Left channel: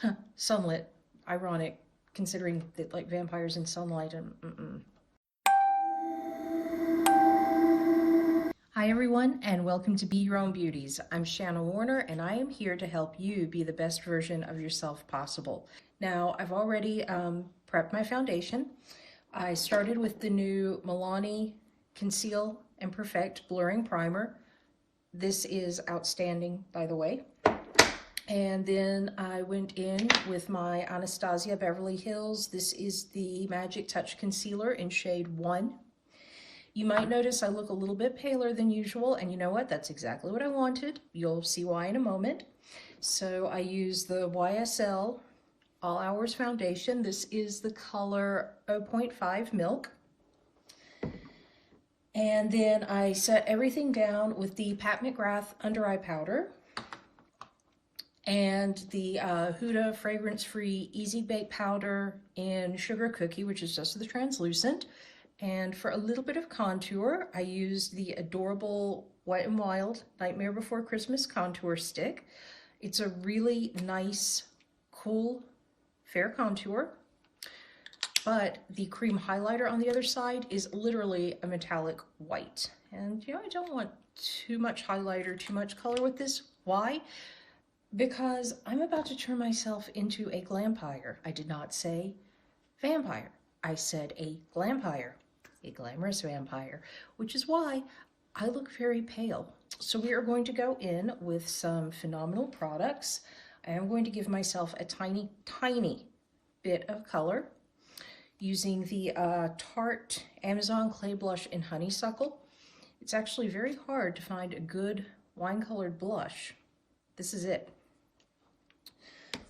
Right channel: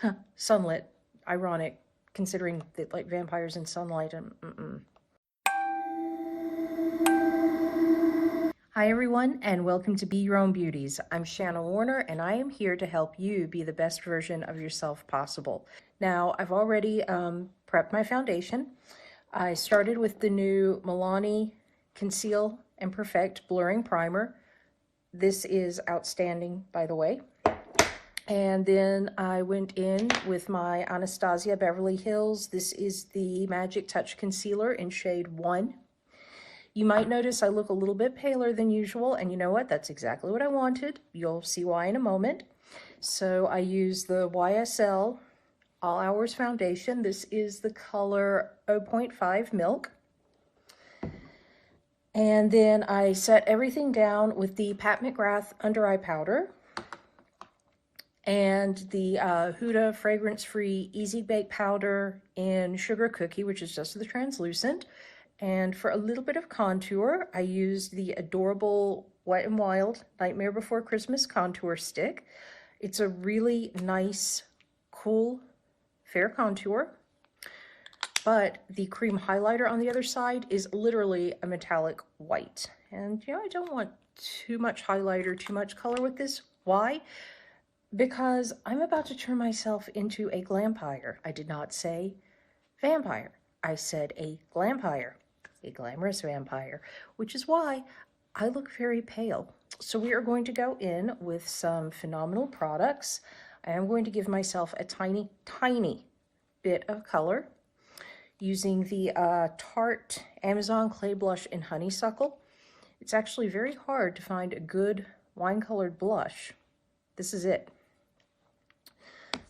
Huh, sunlit. Ironic, considering that like vampires in sunlight and Hi everyone, and welcome to Be Your Own Beauties. I'm Shanna Warner, and I am here to help you be the best version of yourself possible. Now, I've already prepped my foundation. I started with the new Milani Conceal and Perfect Blurring Primer. This is outstanding, by the way. And then I went in with my Anastasia Beverly Hills. This is the Magic Touch Concealer in shade 1. You might notice I look a little bit paler than usual, and you know what? That's exactly what I wanted. You'll see why in a moment. So I use the YSL All Hours Foundation. This is the color 0.5 Milk. And then I set everything down with the Pat McGrath Under Eye Powder and the Huda Fragrance-Free Easy Bake Powder in Sugar Cookie, which is just the translucent. And for a little bit of contour, I used the adorable Wet n Wild Nightmare Before Christmas contour stick. It's a really nice, cool, fair contour. But the cream highlighter on the other side is literally a metallic white. And you know, I don't want too much highlighter, too much color with this. Why? Because I'm about to turn myself into a glampire. I did not say vampire. I said a glampire, a glamorous vampire, which is why I look very pale. So we are going to go in with some phenomenal products. I am going to give myself a tiny, tiny bit of color using the Tarte Amazon Clay Blush in Honeysuckle. It's actually very hard to find a good wine-colored blush. This is it.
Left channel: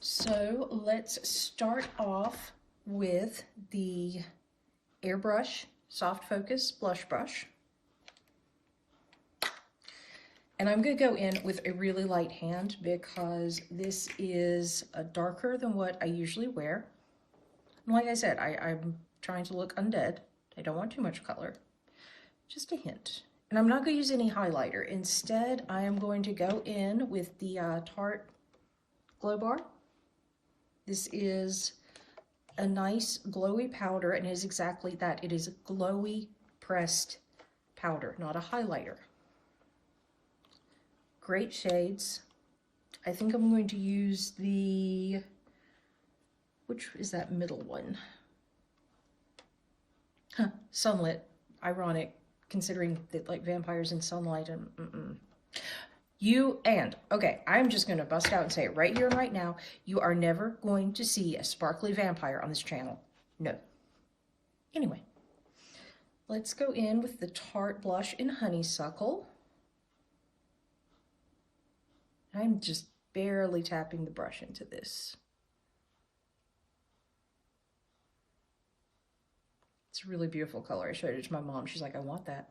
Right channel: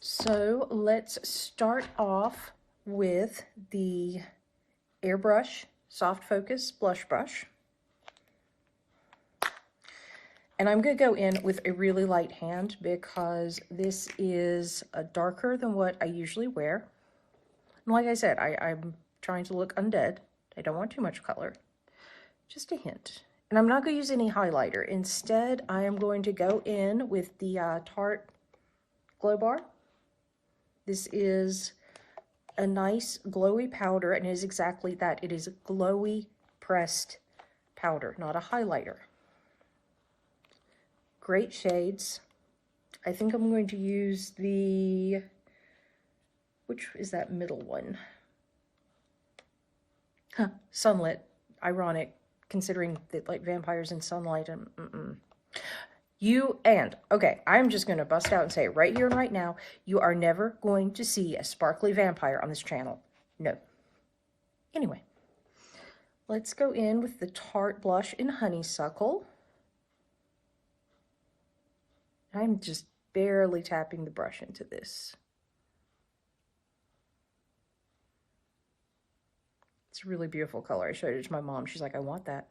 So let's start off with the Airbrush Soft Focus Blush Brush. And I'm going to go in with a really light hand because this is darker than what I usually wear. And like I said, I'm trying to look undead. I don't want too much color, just a hint. And I'm not going to use any highlighter. Instead, I am going to go in with the Tarte Glow Bar. This is a nice glowy powder, and it is exactly that. It is glowy pressed powder, not a highlighter. Great shades. I think I'm going to use the, which is that middle one? Huh, sunlit. Ironic, considering that like vampires in sunlight and okay, I'm just going to bust out and say it right here and right now. You are never going to see a sparkly vampire on this channel. No. Anyway, let's go in with the Tarte blush in Honeysuckle. I'm just barely tapping the brush into this. It's a really beautiful color. I showed it to my mom. She's like, I want that.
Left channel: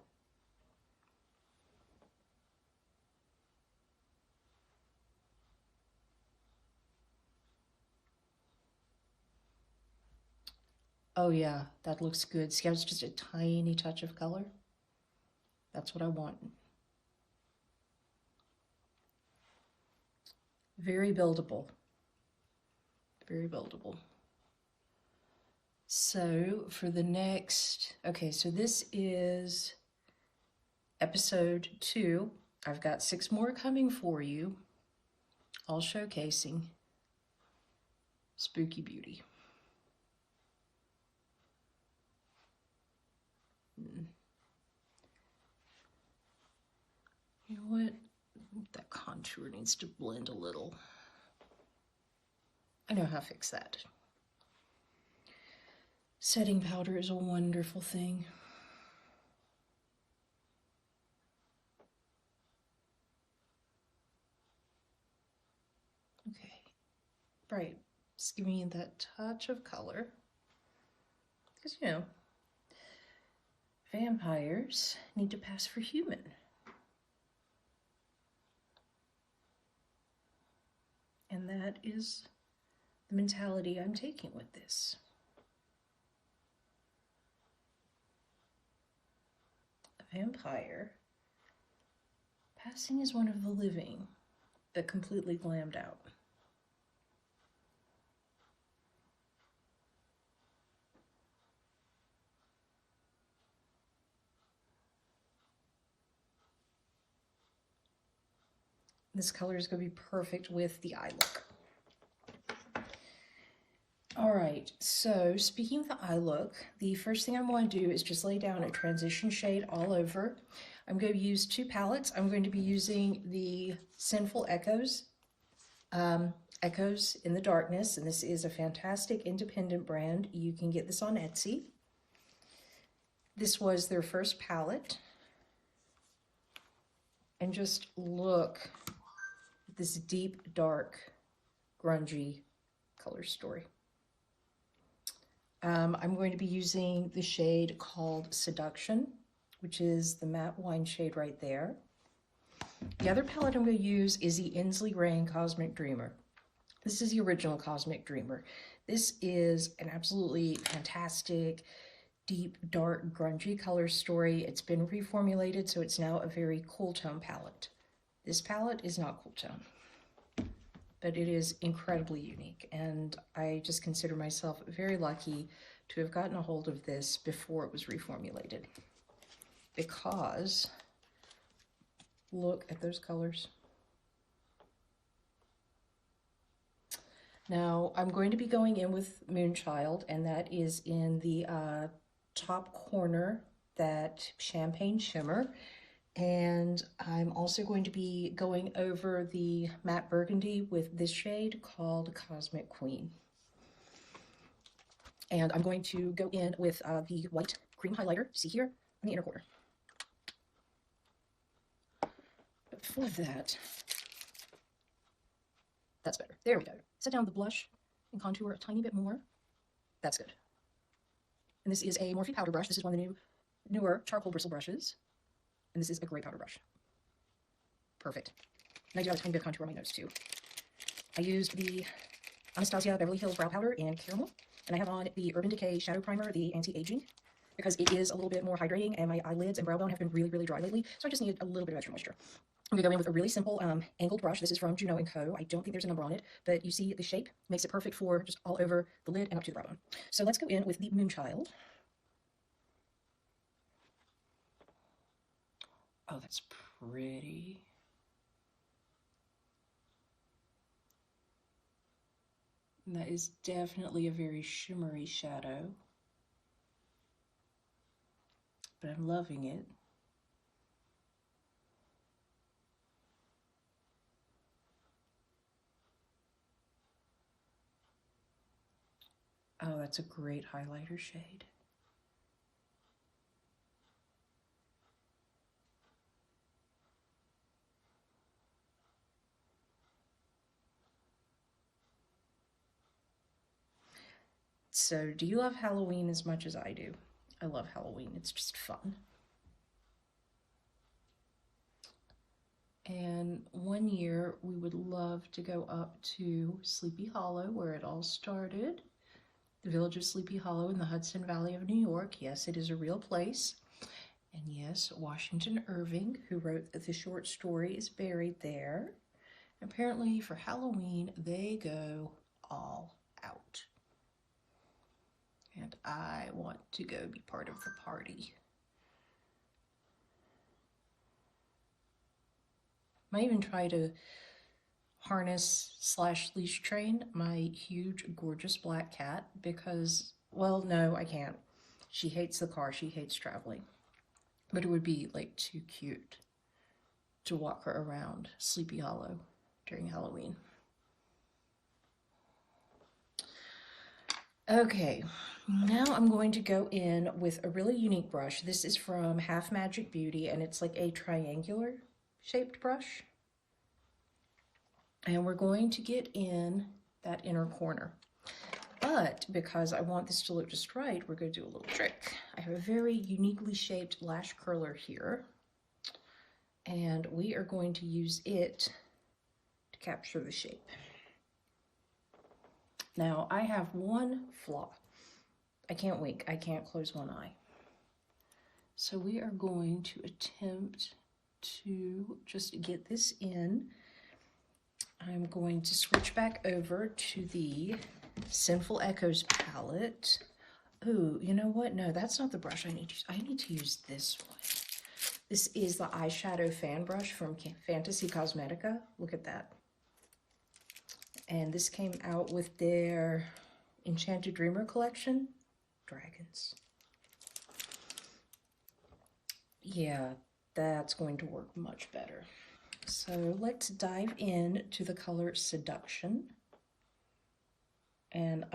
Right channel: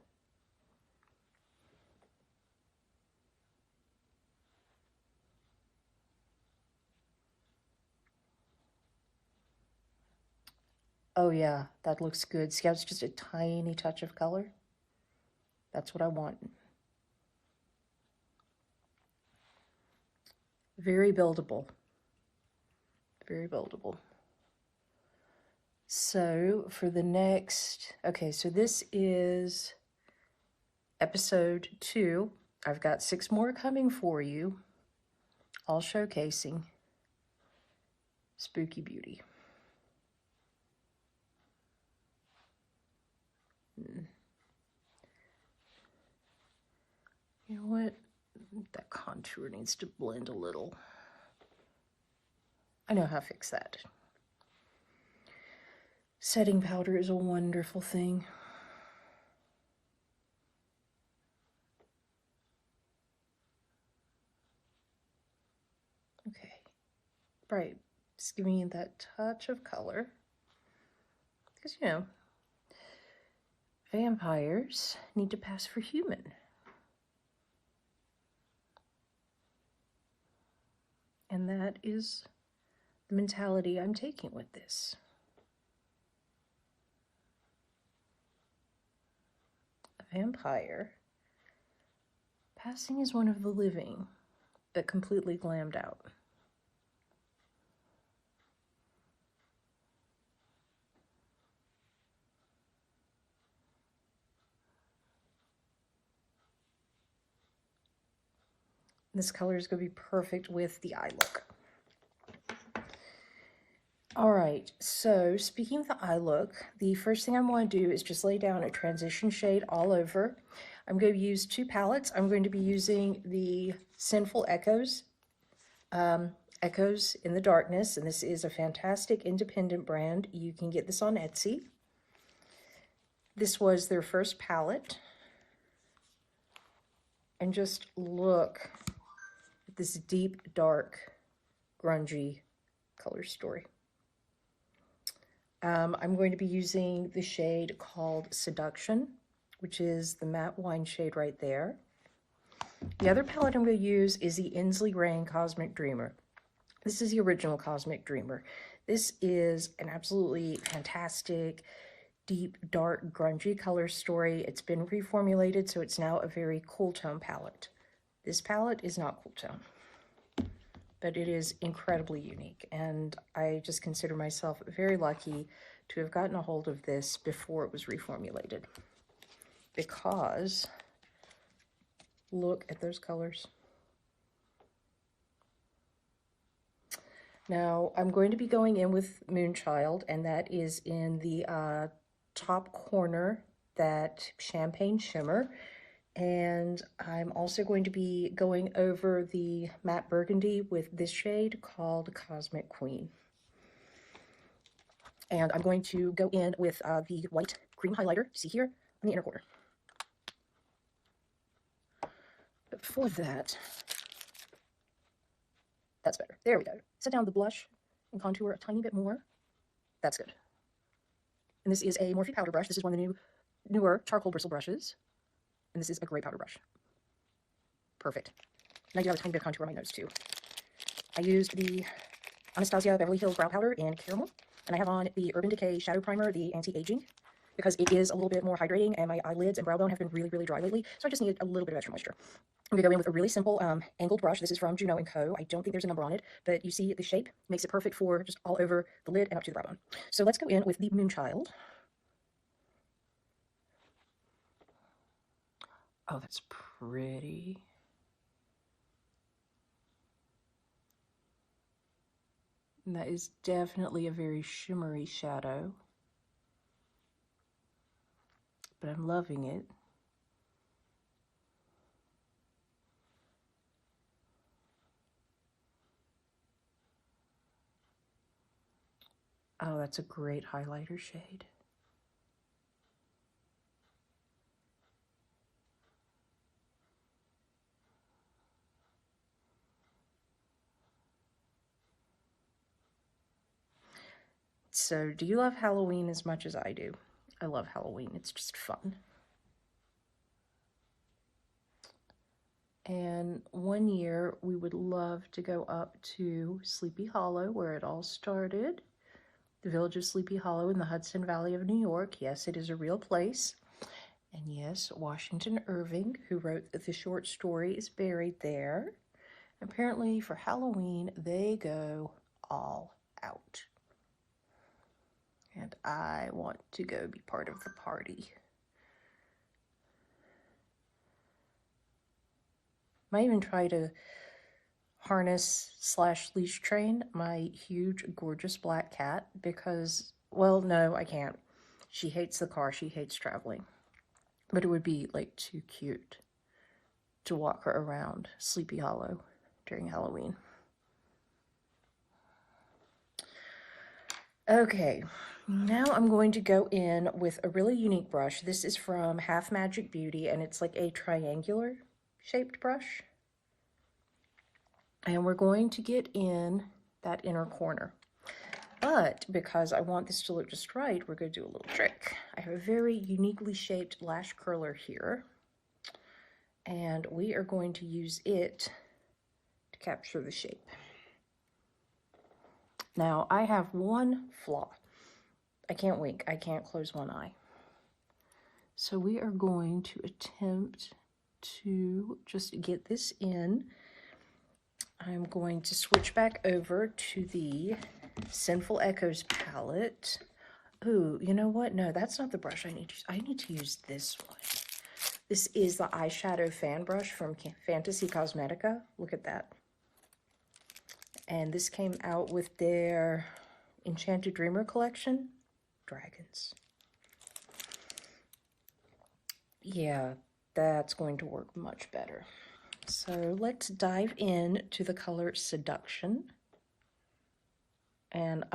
Oh yeah, that looks good. See how it's just a tiny touch of color? That's what I want. Very buildable. Very buildable. So for the next, okay, so this is episode 2. I've got 6 more coming for you, all showcasing spooky beauty. You know what? That contour needs to blend a little. I know how to fix that. Setting powder is a wonderful thing. Okay, right, just give me that touch of color. Because, you know, vampires need to pass for human. And that is the mentality I'm taking with this. A vampire passing as one of the living, but completely glammed out. This color is going to be perfect with the eye look. All right, so speaking of the eye look, the first thing I'm going to do is just lay down a transition shade all over. I'm going to use two palettes. I'm going to be using the Sinful Echoes, Echoes in the Darkness, and this is a fantastic independent brand. You can get this on Etsy. This was their first palette. And just look at this deep, dark, grungy color story. I'm going to be using the shade called Seduction, which is the matte wine shade right there. The other palette I'm going to use is the Ensley Rain Cosmic Dreamer. This is the original Cosmic Dreamer. This is an absolutely fantastic, deep, dark, grungy color story. It's been reformulated, so it's now a very cool tone palette. This palette is not cool tone, but it is incredibly unique, and I just consider myself very lucky to have gotten a hold of this before it was reformulated, because look at those colors. Now I'm going to be going in with Moonchild, and that is in the top corner, that champagne shimmer. And I'm also going to be going over the matte burgundy with this shade called Cosmic Queen. And I'm going to go in with the white cream highlighter, see here, in the inner corner. But before that, that's better. There we go. Set down the blush and contour a tiny bit more. That's good. And this is a Morphe powder brush. This is one of the newer charcoal bristle brushes. And this is a great powder brush. Perfect. And I do have a tiny bit of contour on my nose too. I used the Anastasia Beverly Hills Brow Powder in Caramel. And I have on the Urban Decay Shadow Primer, the Anti-Aging, because it is a little bit more hydrating, and my eyelids and brow bone have been really, really dry lately. So I just needed a little bit of extra moisture. I'm going to go in with a really simple angled brush. This is from Juno & Co. I don't think there's a number on it, but you see the shape makes it perfect for just all over the lid and up to the brow bone. So let's go in with the Moonchild. Oh, that's pretty. And that is definitely a very shimmery shadow, but I'm loving it. Oh, that's a great highlighter shade. So, do you love Halloween as much as I do? I love Halloween. It's just fun. And one year we would love to go up to Sleepy Hollow, where it all started. The village of Sleepy Hollow in the Hudson Valley of New York. Yes, it is a real place. And yes, Washington Irving, who wrote the short story, is buried there. Apparently for Halloween, they go all out. And I want to go be part of the party. Might even try to harness / leash train my huge, gorgeous black cat because, well, no, I can't. She hates the car. She hates traveling. But it would be, like, too cute to walk her around Sleepy Hollow during Halloween. Okay, now I'm going to go in with a really unique brush. This is from Half Magic Beauty, and it's like a triangular shaped brush. And we're going to get in that inner corner. But because I want this to look just right, we're going to do a little trick. I have a very uniquely shaped lash curler here, and we are going to use it to capture the shape. Now, I have one flaw. I can't wink. I can't close one eye. So we are going to attempt to just get this in. I'm going to switch back over to the Sinful Echoes palette. Ooh, you know what? No, that's not the brush I need to use. I need to use this one. This is the eyeshadow fan brush from Fantasy Cosmetica. Look at that. And this came out with their Enchanted Dreamer collection. Dragons. Yeah, that's going to work much better. So let's dive in to the color Seduction. And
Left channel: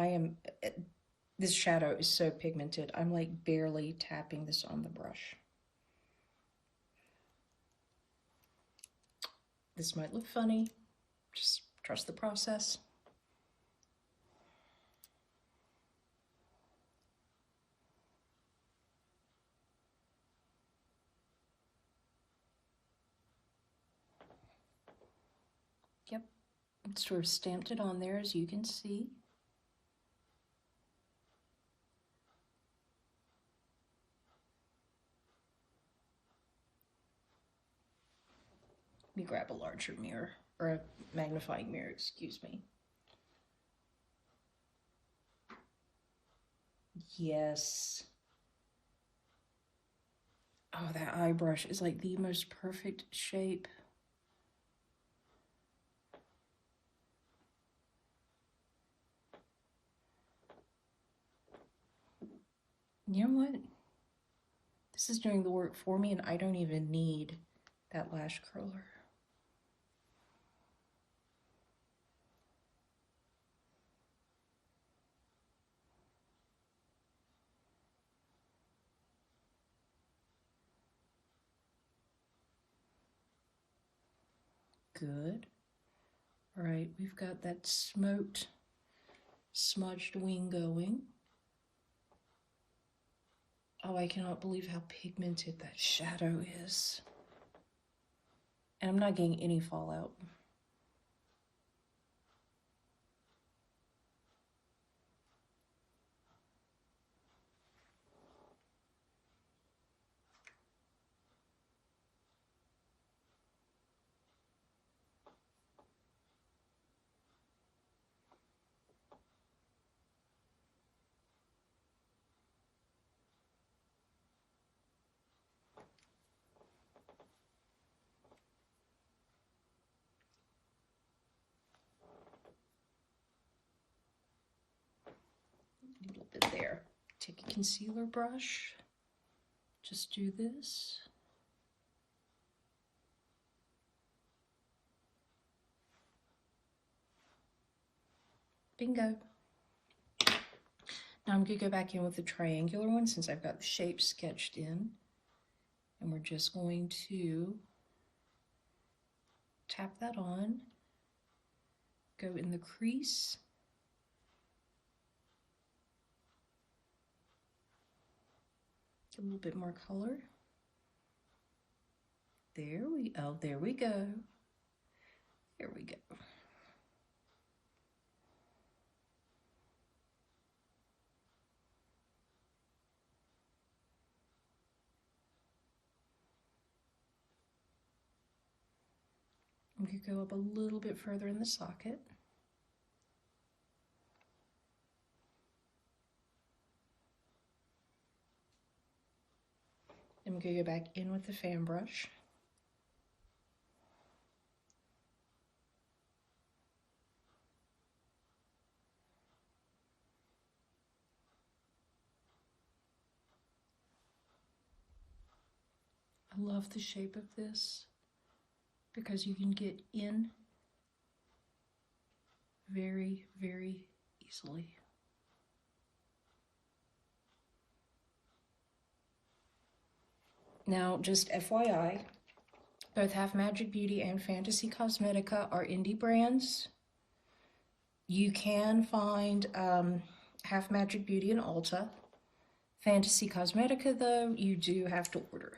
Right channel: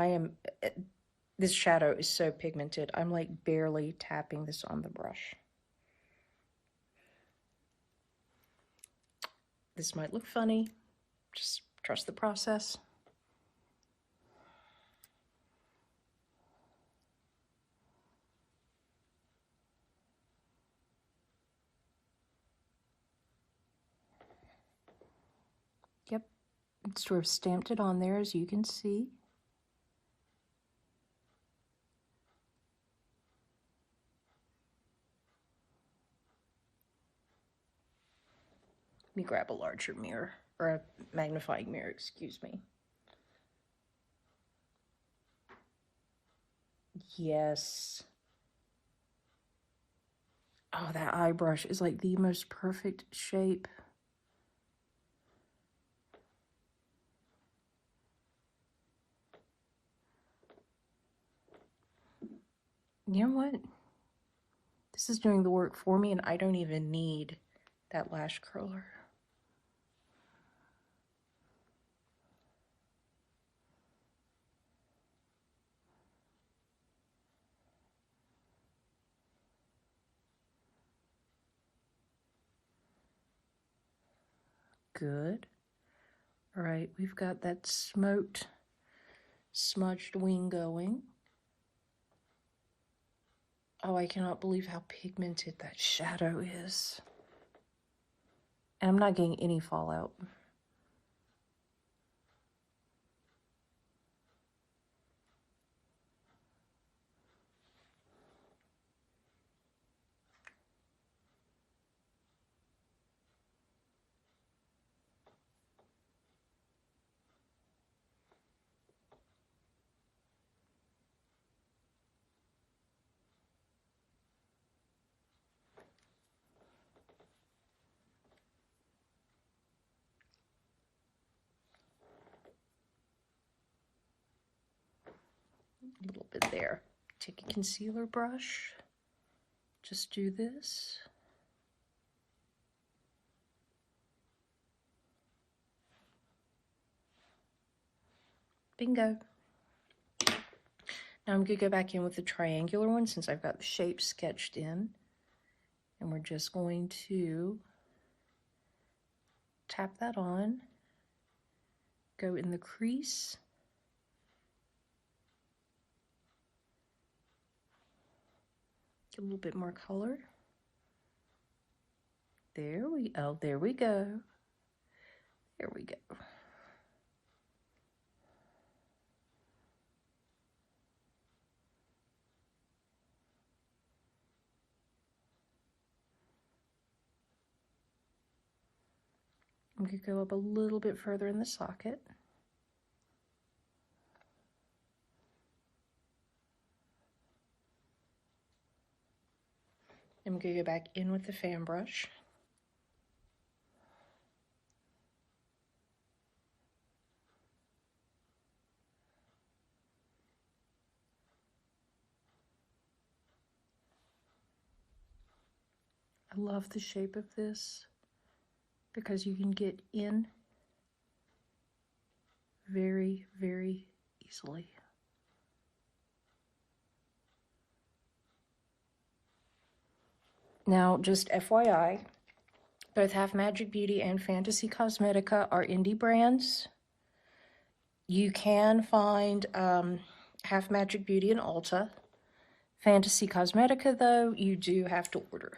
this shadow is so pigmented, I'm like barely tapping this on the brush. This might look funny, just trust the process. Yep, it sort of stamped it on there, as you can see. Let me grab a larger mirror, or a magnifying mirror, excuse me. Yes. Oh, that eye brush is like the most perfect shape. You know what? This is doing the work for me, and I don't even need that lash curler. Good. All right, we've got that smoked, smudged wing going. Oh, I cannot believe how pigmented that shadow is. And I'm not getting any fallout. A little bit there. Take a concealer brush. Just do this. Bingo. Now I'm going to go back in with the triangular one since I've got the shape sketched in. And we're just going to tap that on. Go in the crease. Get a little bit more color. There we go. There we go. There we go. I'm going to go up a little bit further in the socket. I'm going to go back in with the fan brush. I love the shape of this because you can get in very, very easily. Now, just FYI, both Half Magic Beauty and Fantasy Cosmetica are indie brands. You can find Half Magic Beauty in Ulta. Fantasy Cosmetica, though, you do have to order.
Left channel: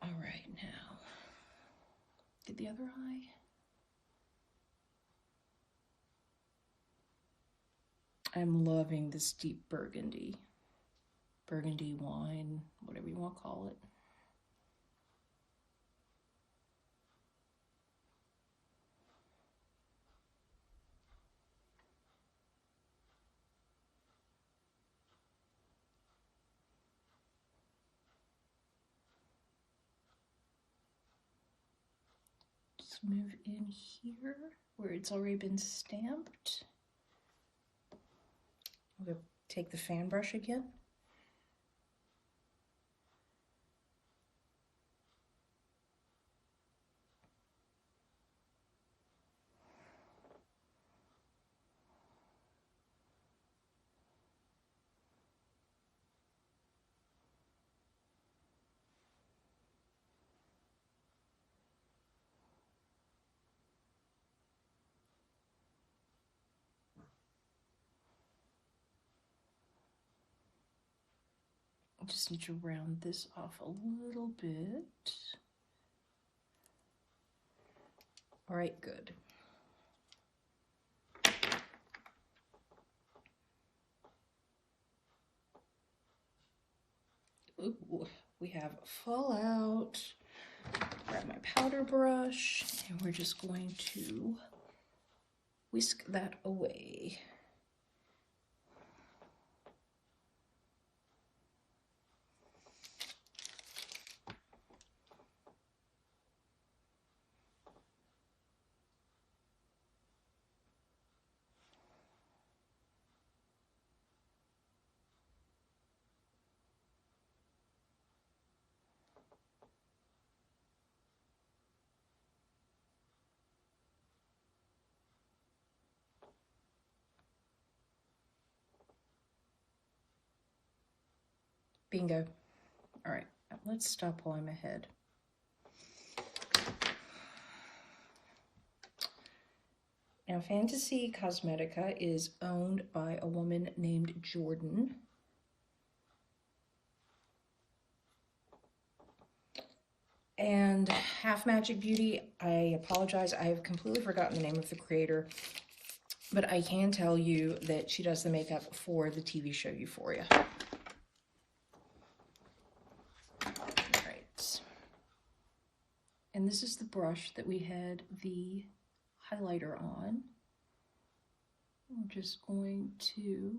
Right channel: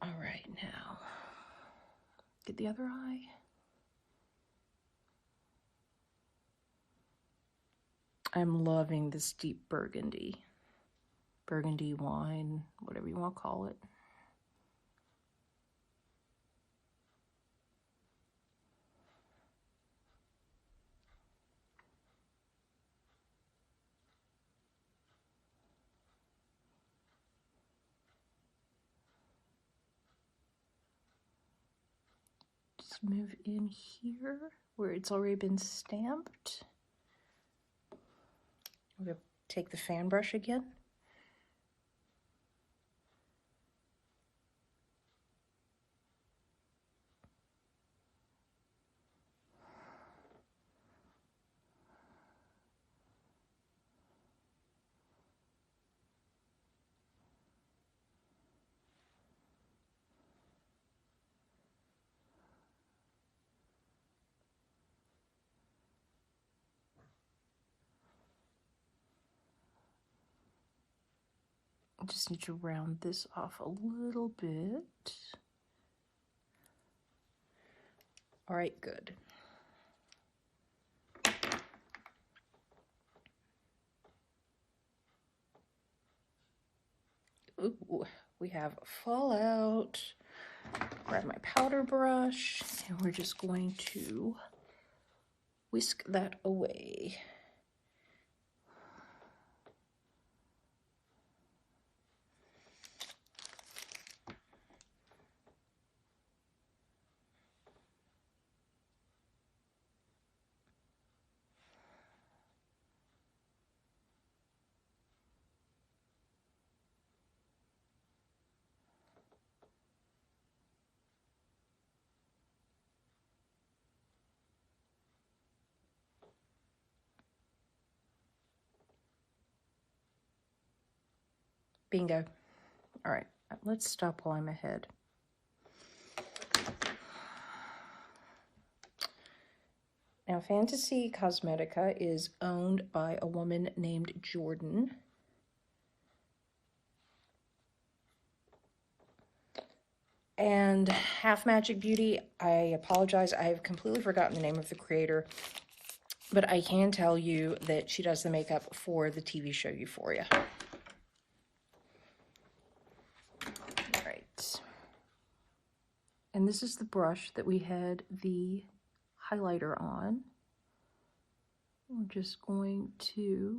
All right, now, get the other eye. I'm loving this deep burgundy wine, whatever you want to call it. Let's move in here where it's already been stamped. I'm going to take the fan brush again. I just need to round this off a little bit. All right, good. Ooh, we have fallout. Grab my powder brush, and we're just going to whisk that away. Bingo. All right, let's stop while I'm ahead. Now, Fantasy Cosmetica is owned by a woman named Jordan. And Half Magic Beauty, I apologize, I have completely forgotten the name of the creator, but I can tell you that she does the makeup for the TV show Euphoria. All right. And this is the brush that we had the highlighter on. We're just going to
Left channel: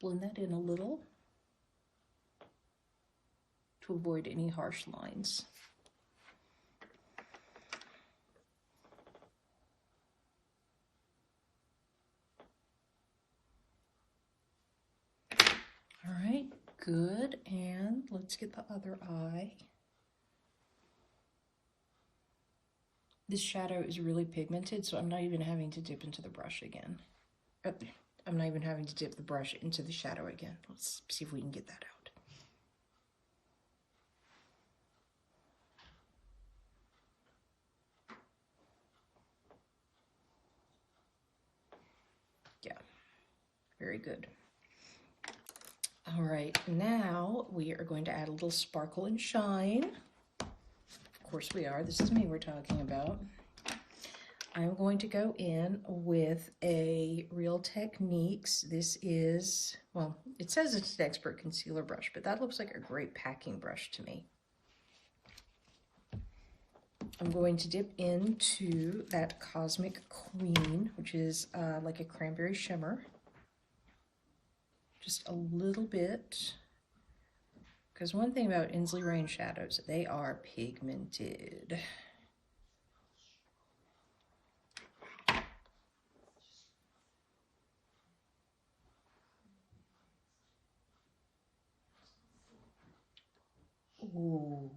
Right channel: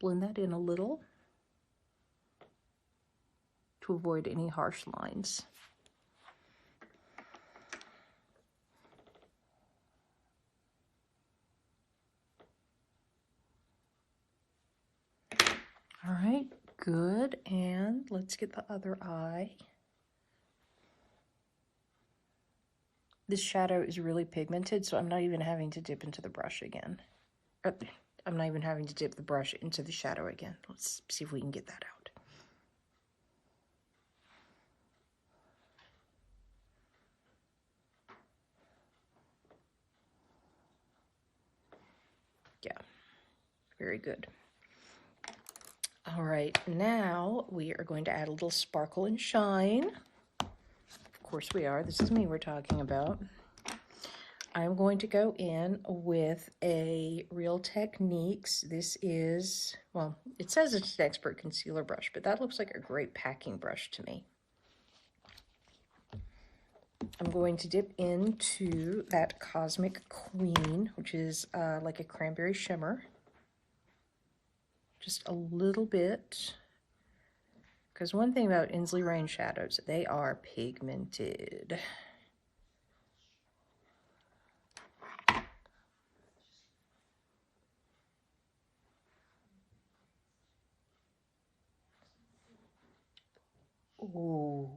blend that in a little to avoid any harsh lines. All right, good. And let's get the other eye. This shadow is really pigmented, so I'm not even having to dip into the brush again. I'm not even having to dip the brush into the shadow again. Let's see if we can get that out. Yeah, very good. All right, now we are going to add a little sparkle and shine. Of course we are. This is me we're talking about. I'm going to go in with a Real Techniques. This is, well, it says it's an expert concealer brush, but that looks like a great packing brush to me. I'm going to dip into that Cosmic Queen, which is like a cranberry shimmer. Just a little bit. Because one thing about Ensley Rain shadows, they are pigmented. Ooh.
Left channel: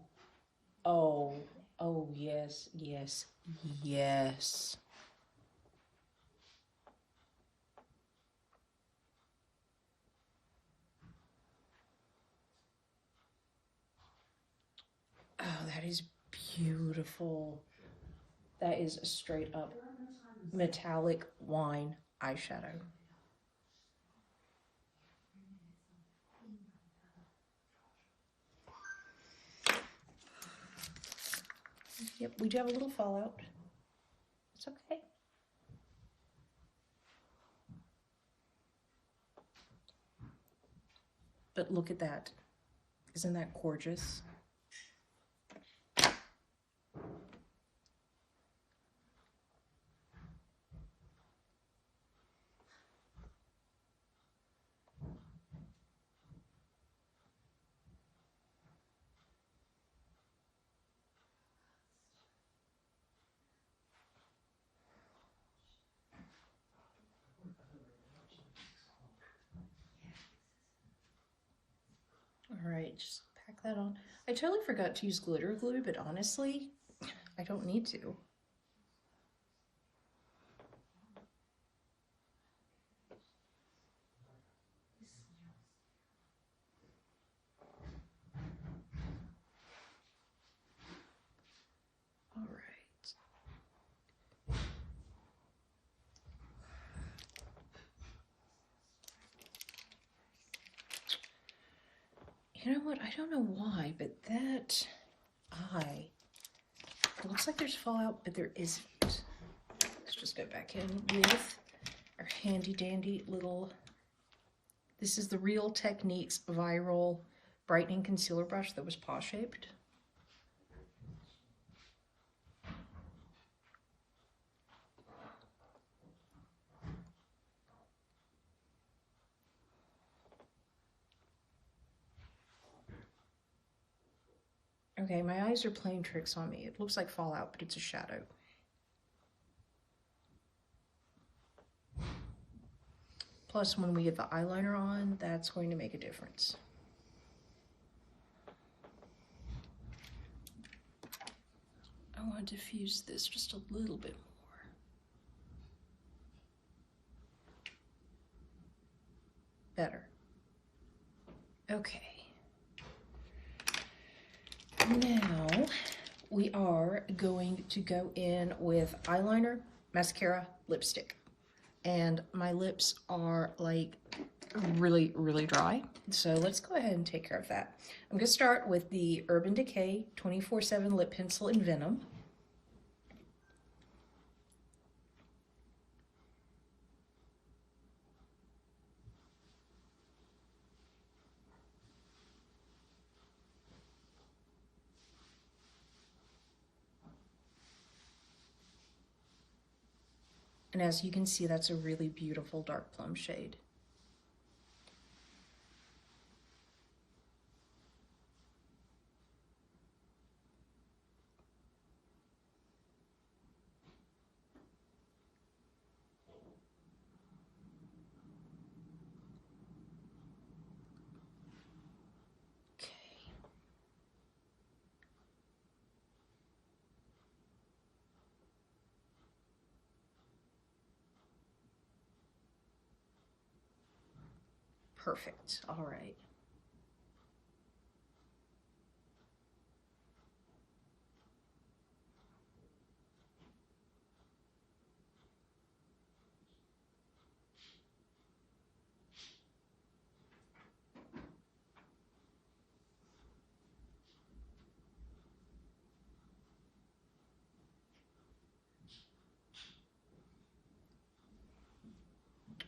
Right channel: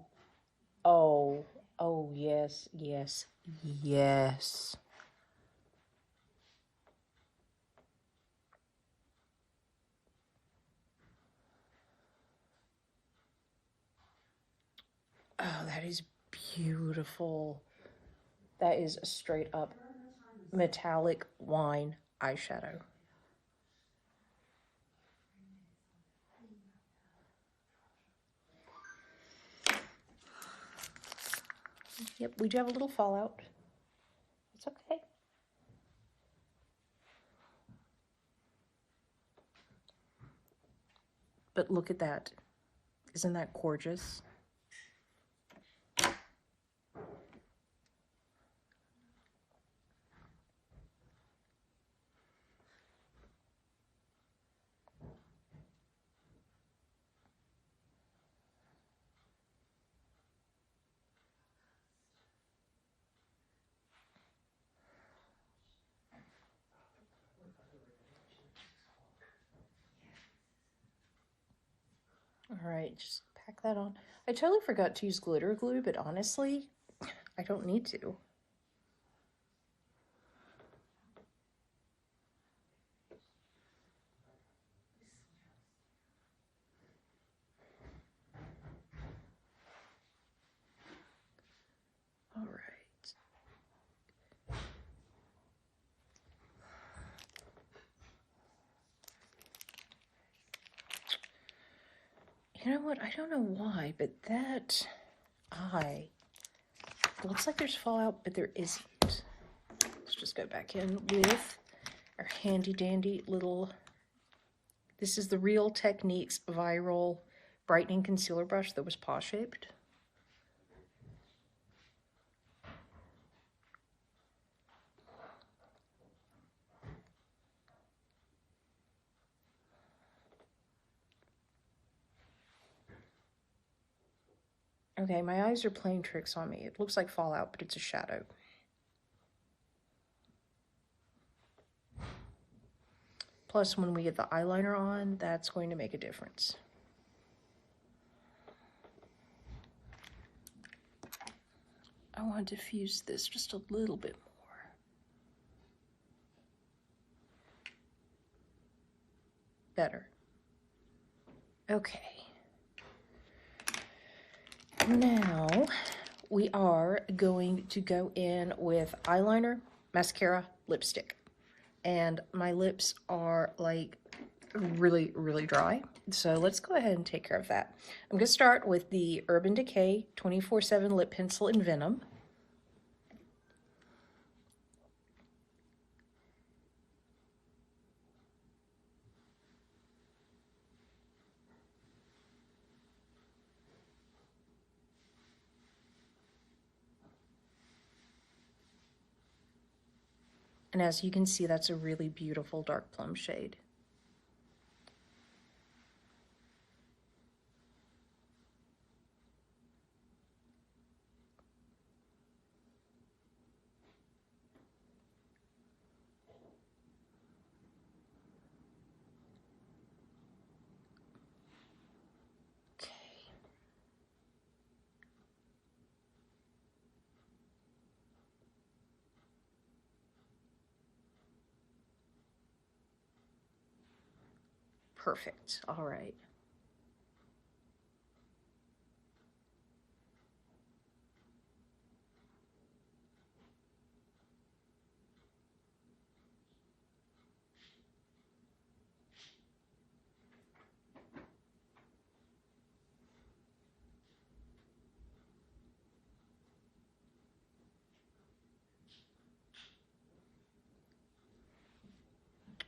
Oh, oh, yes, yes, yes. Oh, that is beautiful. That is a straight up metallic wine eyeshadow. Yep, we do have a little fallout. It's okay. But look at that. Isn't that gorgeous? All right, just pack that on. I totally forgot to use glitter glue, but honestly, I don't need to. All right. You know what? I don't know why, but that eye, it looks like there's fallout, but there isn't. Let's just go back in with our handy dandy little, this is the Real Techniques Viral Brightening Concealer Brush that was paw shaped. Okay, my eyes are playing tricks on me. It looks like fallout, but it's a shadow. Plus, when we get the eyeliner on, that's going to make a difference. I want to diffuse this just a little bit more. Better. Okay. Now, we are going to go in with eyeliner, mascara, lipstick. And my lips are like really, really dry. So let's go ahead and take care of that. I'm gonna start with the Urban Decay 24/7 Lip Pencil in Venom. And as you can see, that's a really beautiful dark plum shade. Okay. Perfect. All right.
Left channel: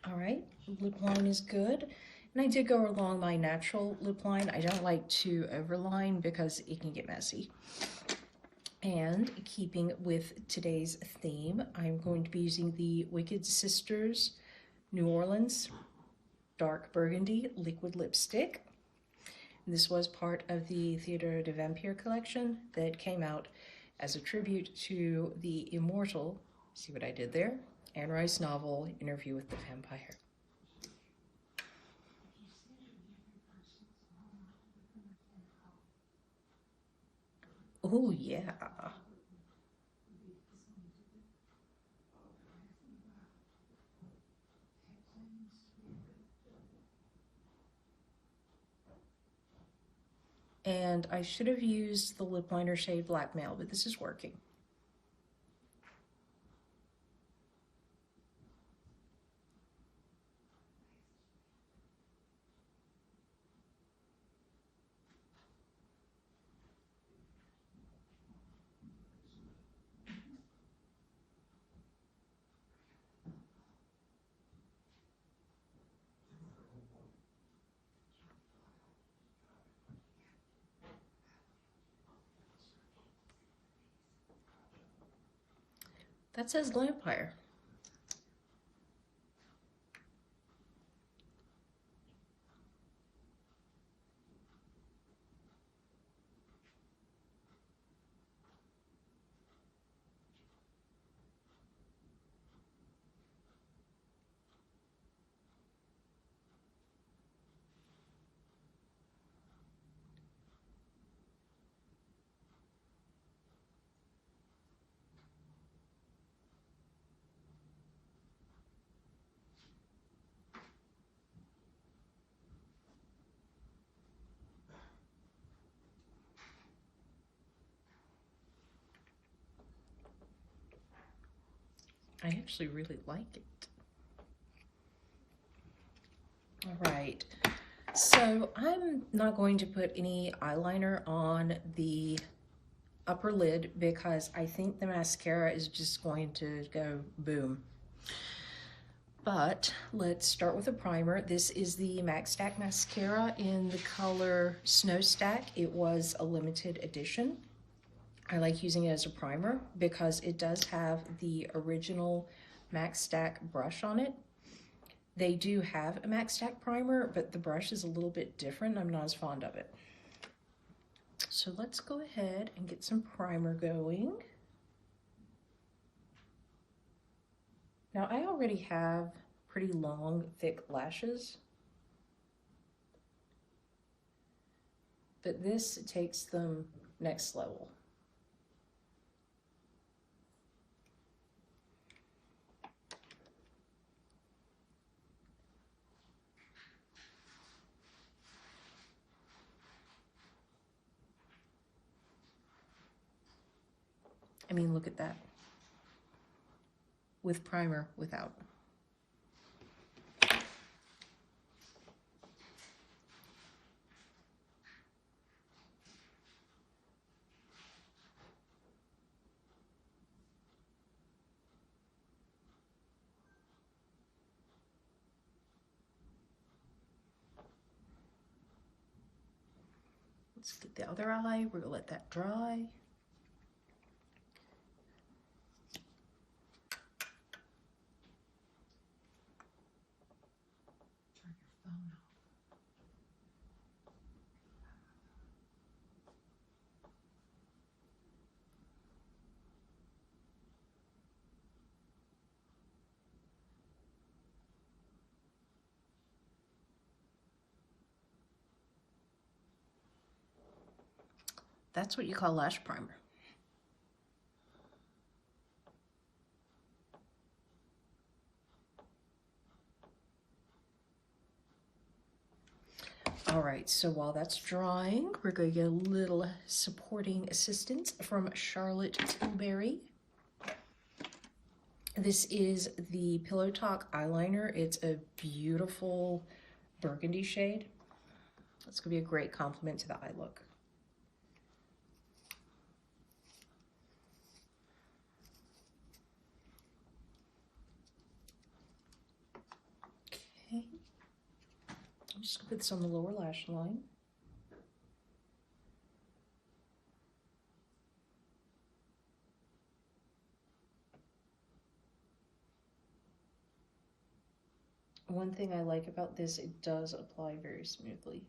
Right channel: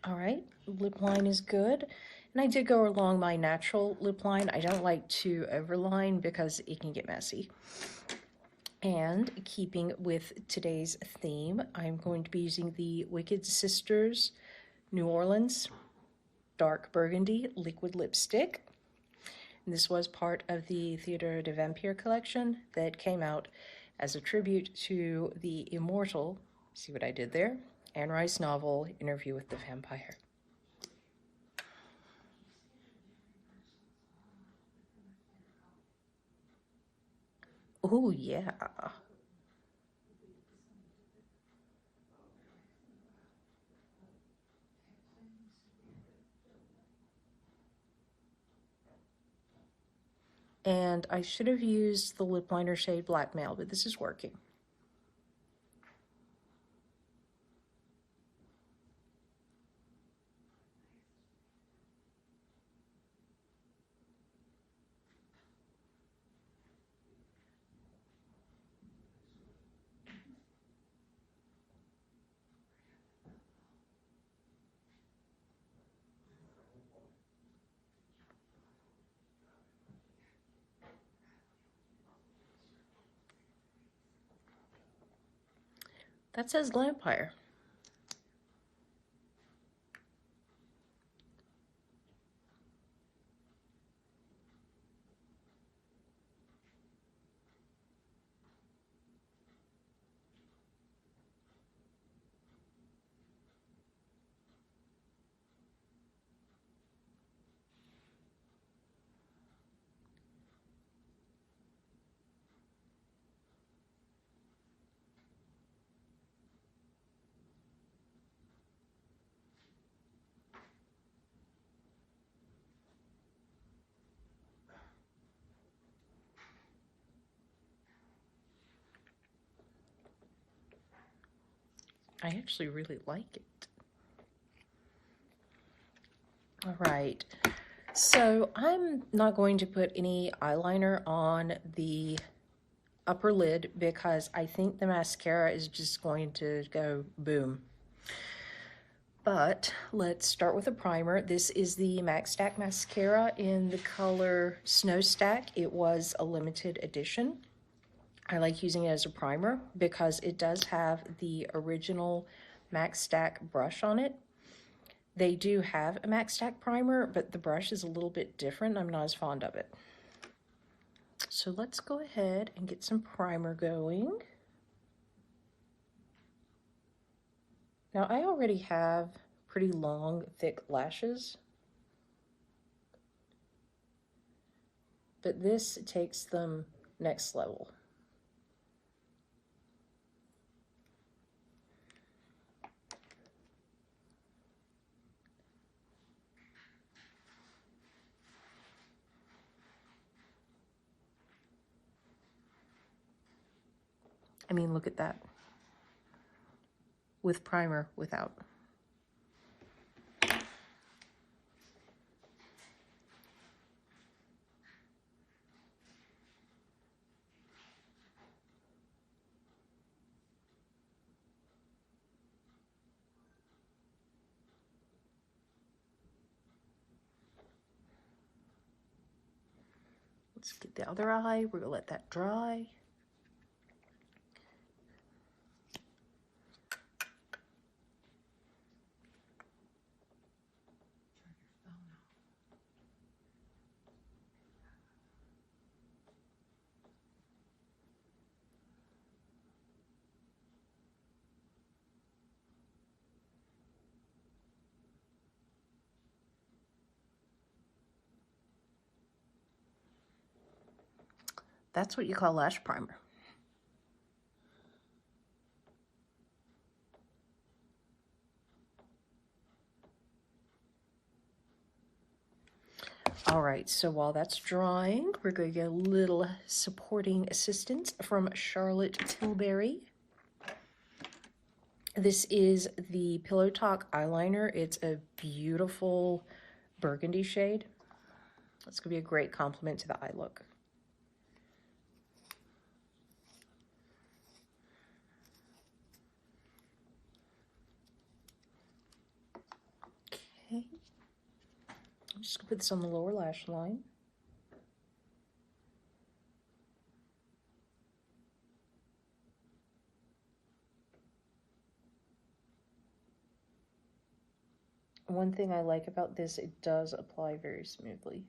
All right, lip line is good. And I did go along my natural lip line. I don't like to overline because it can get messy. And keeping with today's theme, I'm going to be using the Wicked Sisters New Orleans Dark Burgundy Liquid Lipstick. And this was part of the Theodore de Vampire collection that came out as a tribute to the immortal, see what I did there? Anne Rice novel, Interview with the Vampire. Oh, yeah. And I should have used the lip liner shade Blackmail, but this is working. That says Glampire. I actually really like it. All right, so I'm not going to put any eyeliner on the upper lid because I think the mascara is just going to go boom. But let's start with a primer. This is the Max Stack mascara in the color Snow Stack. It was a limited edition. I like using it as a primer because it does have the original Max Stack brush on it. They do have a Max Stack primer, but the brush is a little bit different. I'm not as fond of it. So let's go ahead and get some primer going. Now I already have pretty long, thick lashes, but this takes them next level. I mean, look at that. With primer, without. Let's get the other eye. We're gonna let that dry. That's what you call lash primer. All right, so while that's drying, we're going to get a little supporting assistance from Charlotte Tilbury. This is the Pillow Talk eyeliner. It's a beautiful burgundy shade. It's going to be a great complement to the eye look. Okay. I'm just going to put this on the lower lash line. One thing I like about this, it does apply very smoothly.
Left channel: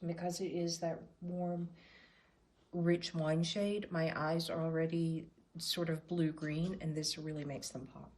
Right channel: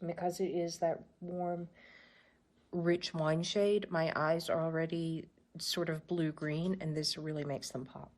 And because it is that warm, rich wine shade, my eyes are already sort of blue-green, and this really makes them pop.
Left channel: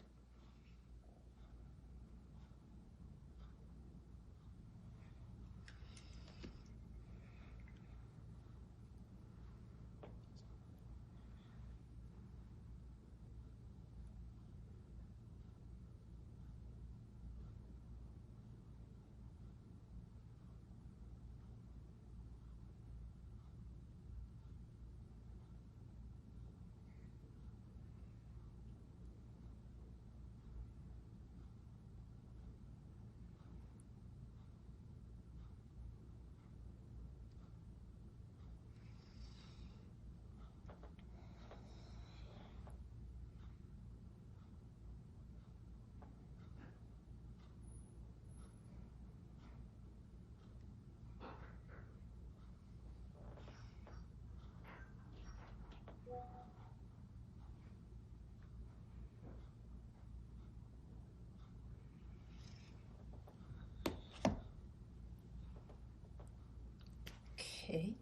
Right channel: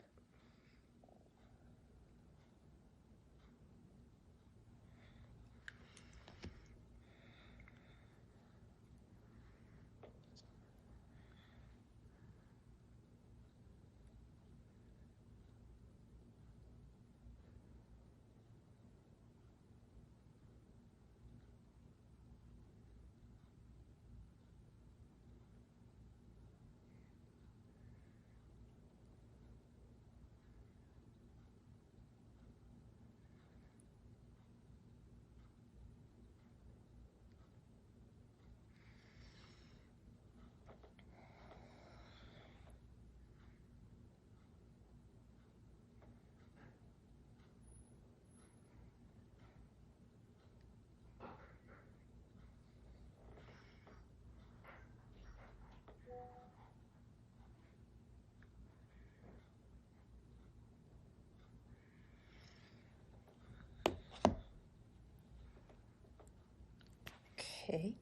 Okay.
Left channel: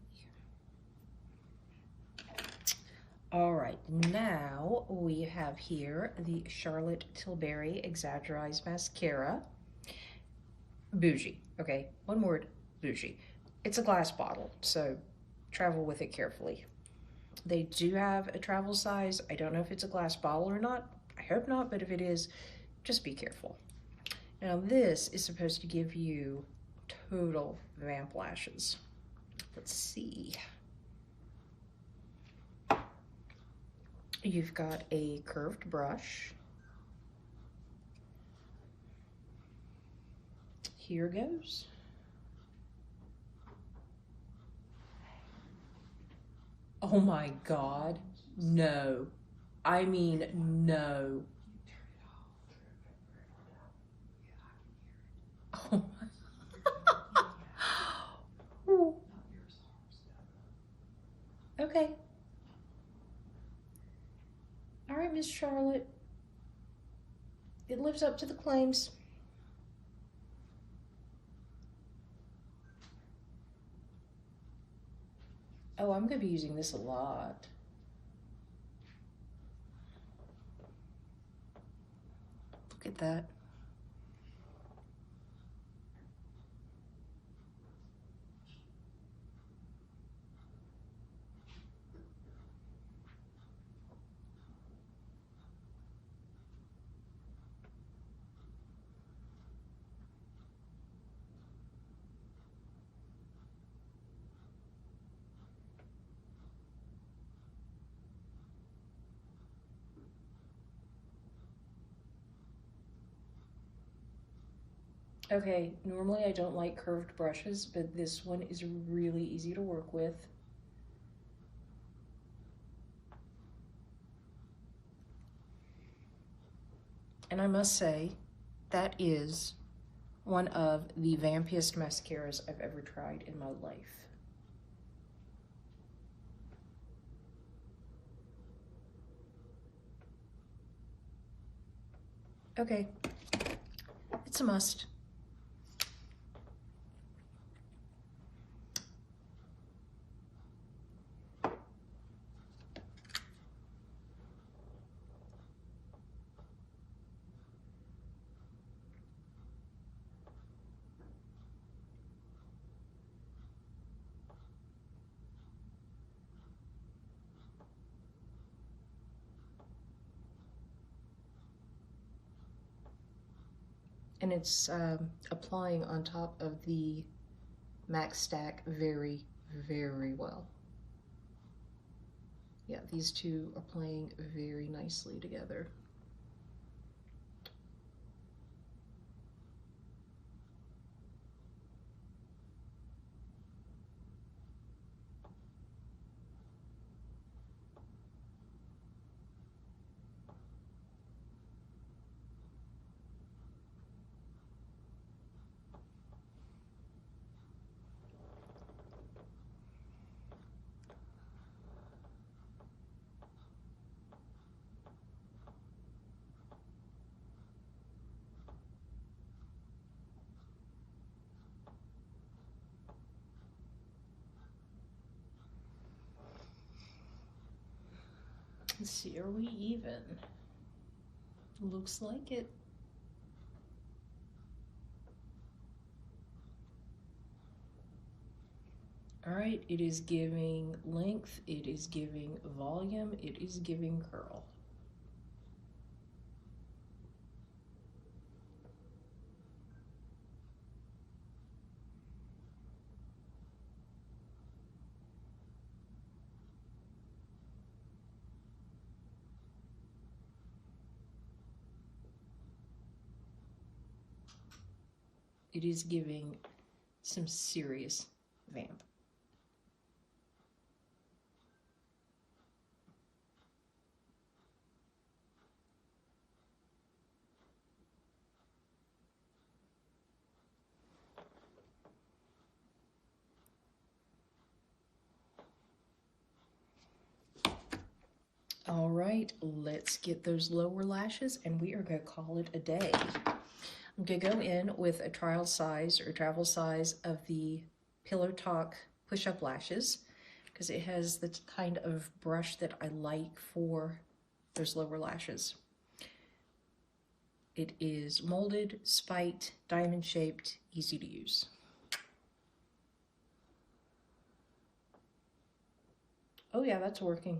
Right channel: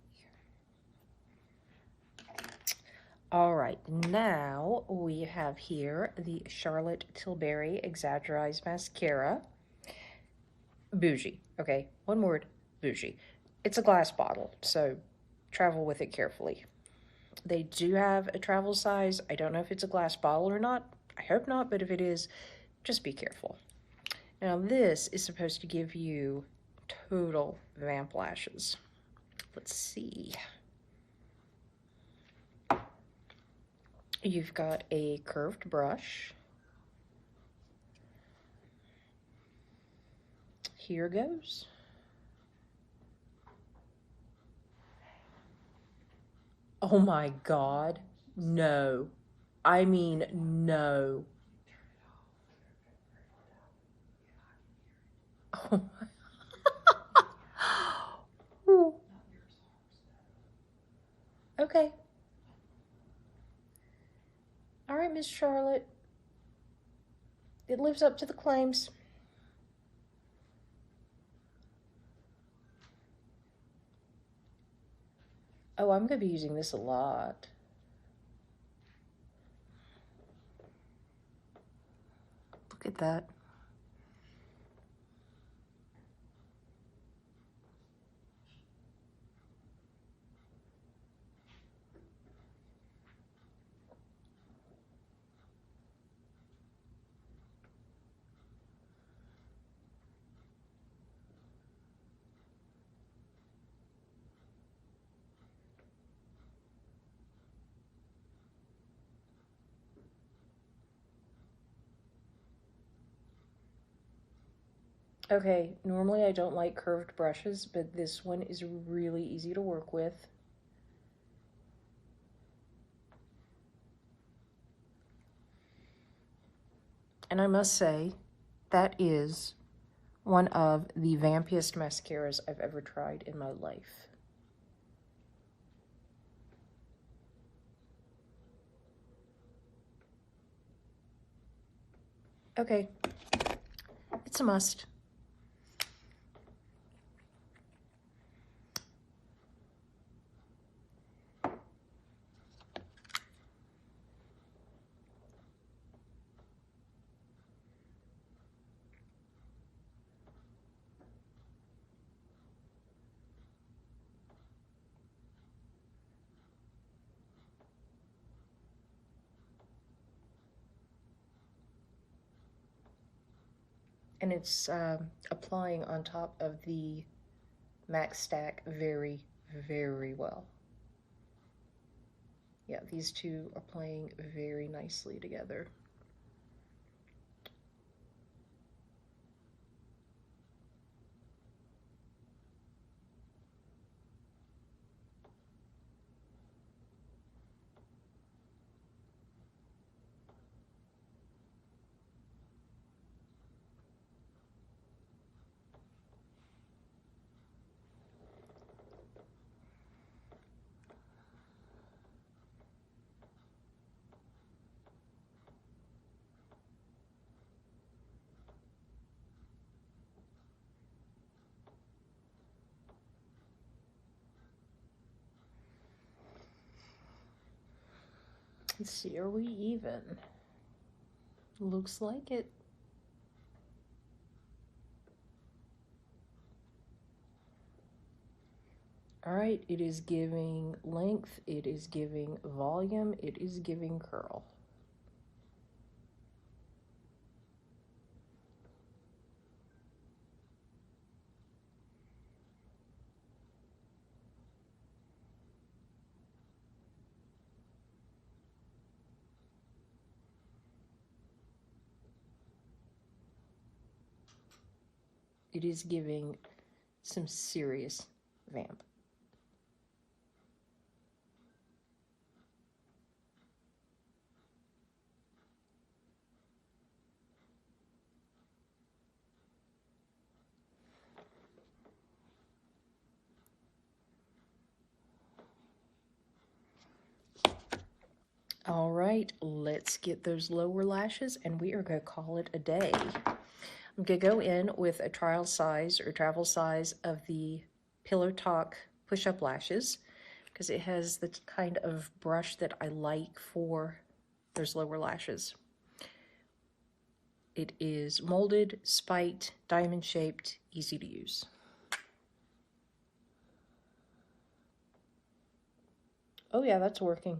All right, now we have here the Charlotte Tilbury Exagger-Eyes mascara. Bougie, okay, one word, bougie. It's a glass bottle, so travel with it carefully. They do have a travel size. I don't know if it's a glass bottle or not. I hope not, but if it is, just be careful. Now this is supposed to give you total vamp lashes. Let's see. You've got a curved brush. Here goes. Oh my God, no. I mean, no. Oh. Okay. All right, Miss Charlotte. It lives up to the claims. Oh, I'm going to be using this a lot. Look at that. Okay, normally I don't like curved brushes, but this one is really easy to work with. And I must say, that is one of the vampiest mascaras I've ever tried in my life. Okay, it's a must. And it's applying on top of the MAC stack very, very well. Yeah, these two are playing very nicely together. Let's see, are we even? Looks like it. All right, it is giving length, it is giving volume, it is giving curl. It is giving some serious vamp. All right, let's get those lower lashes and we are going to call it a day. I'm going to go in with a trial size or travel size of the Pillow Talk push-up lashes because it has the kind of brush that I like for those lower lashes. It is molded, spiked, diamond-shaped, easy to use. Oh yeah, that's working.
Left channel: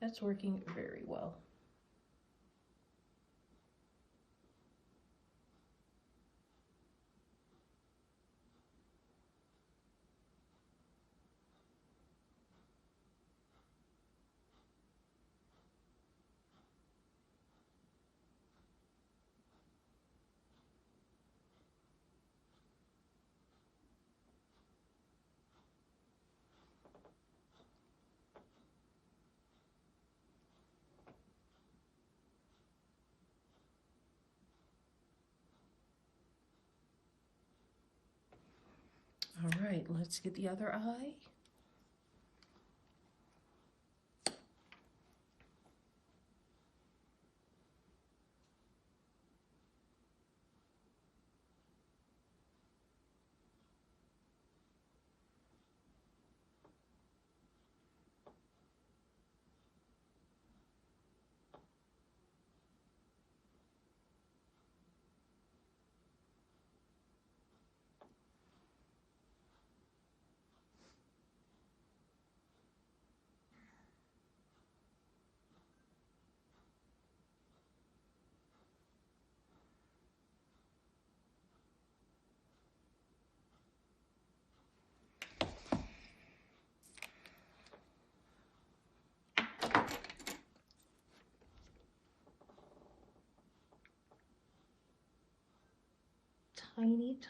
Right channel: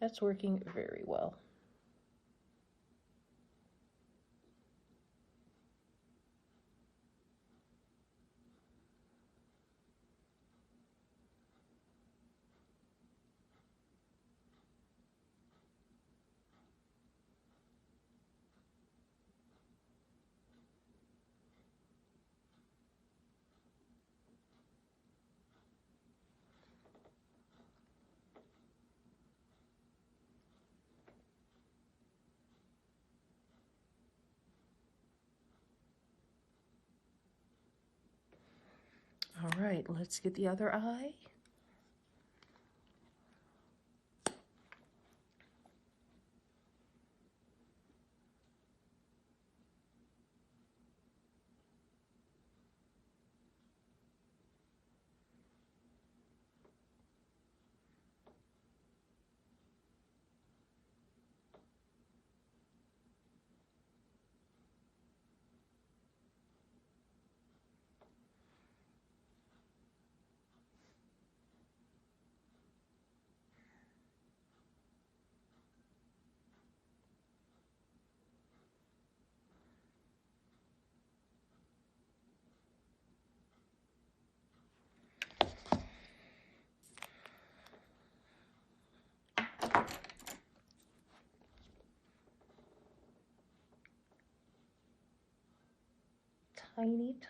That's working very well. All right, let's get the other eye.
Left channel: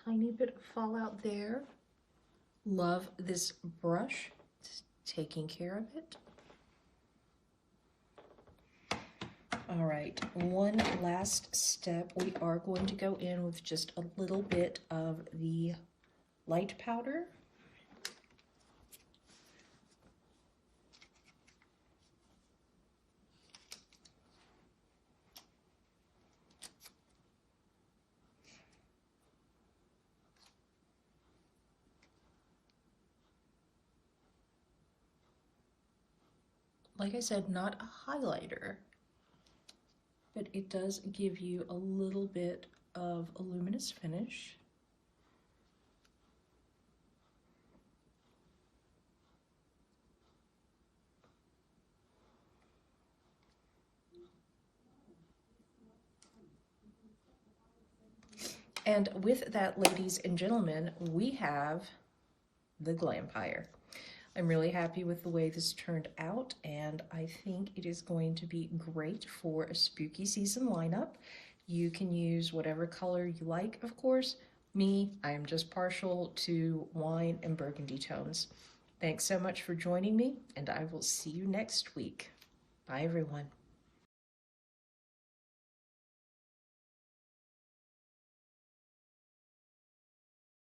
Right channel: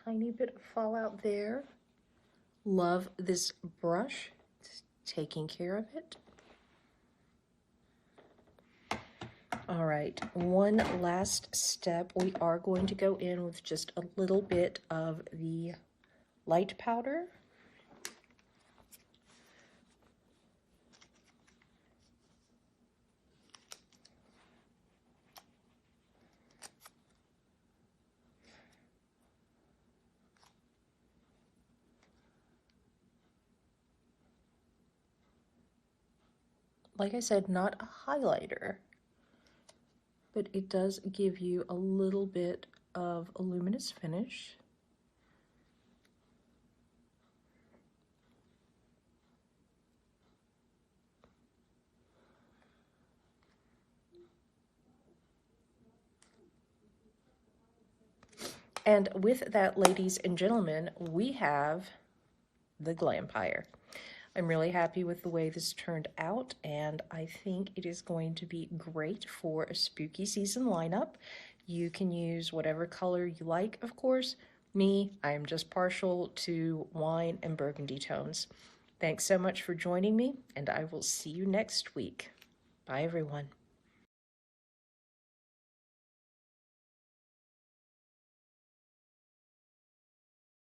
Tiny bit of fallout there. Love this brush. It's taking care of it. All right, one last step. We are going to go in with just a little bit of the light powder. Like I said, not a highlighter, but it does give you a little bit of a luminous finish. And with that, ladies and gentlemen, we have the Glampire. I'm really happy with the way this turned out, and I think it is going to be great for a spooky season lineup. You can use whatever color you like, of course. Me, I am just partial to wine and burgundy tones. Thanks so much for joining me, and I will see you next week. Bye, everyone.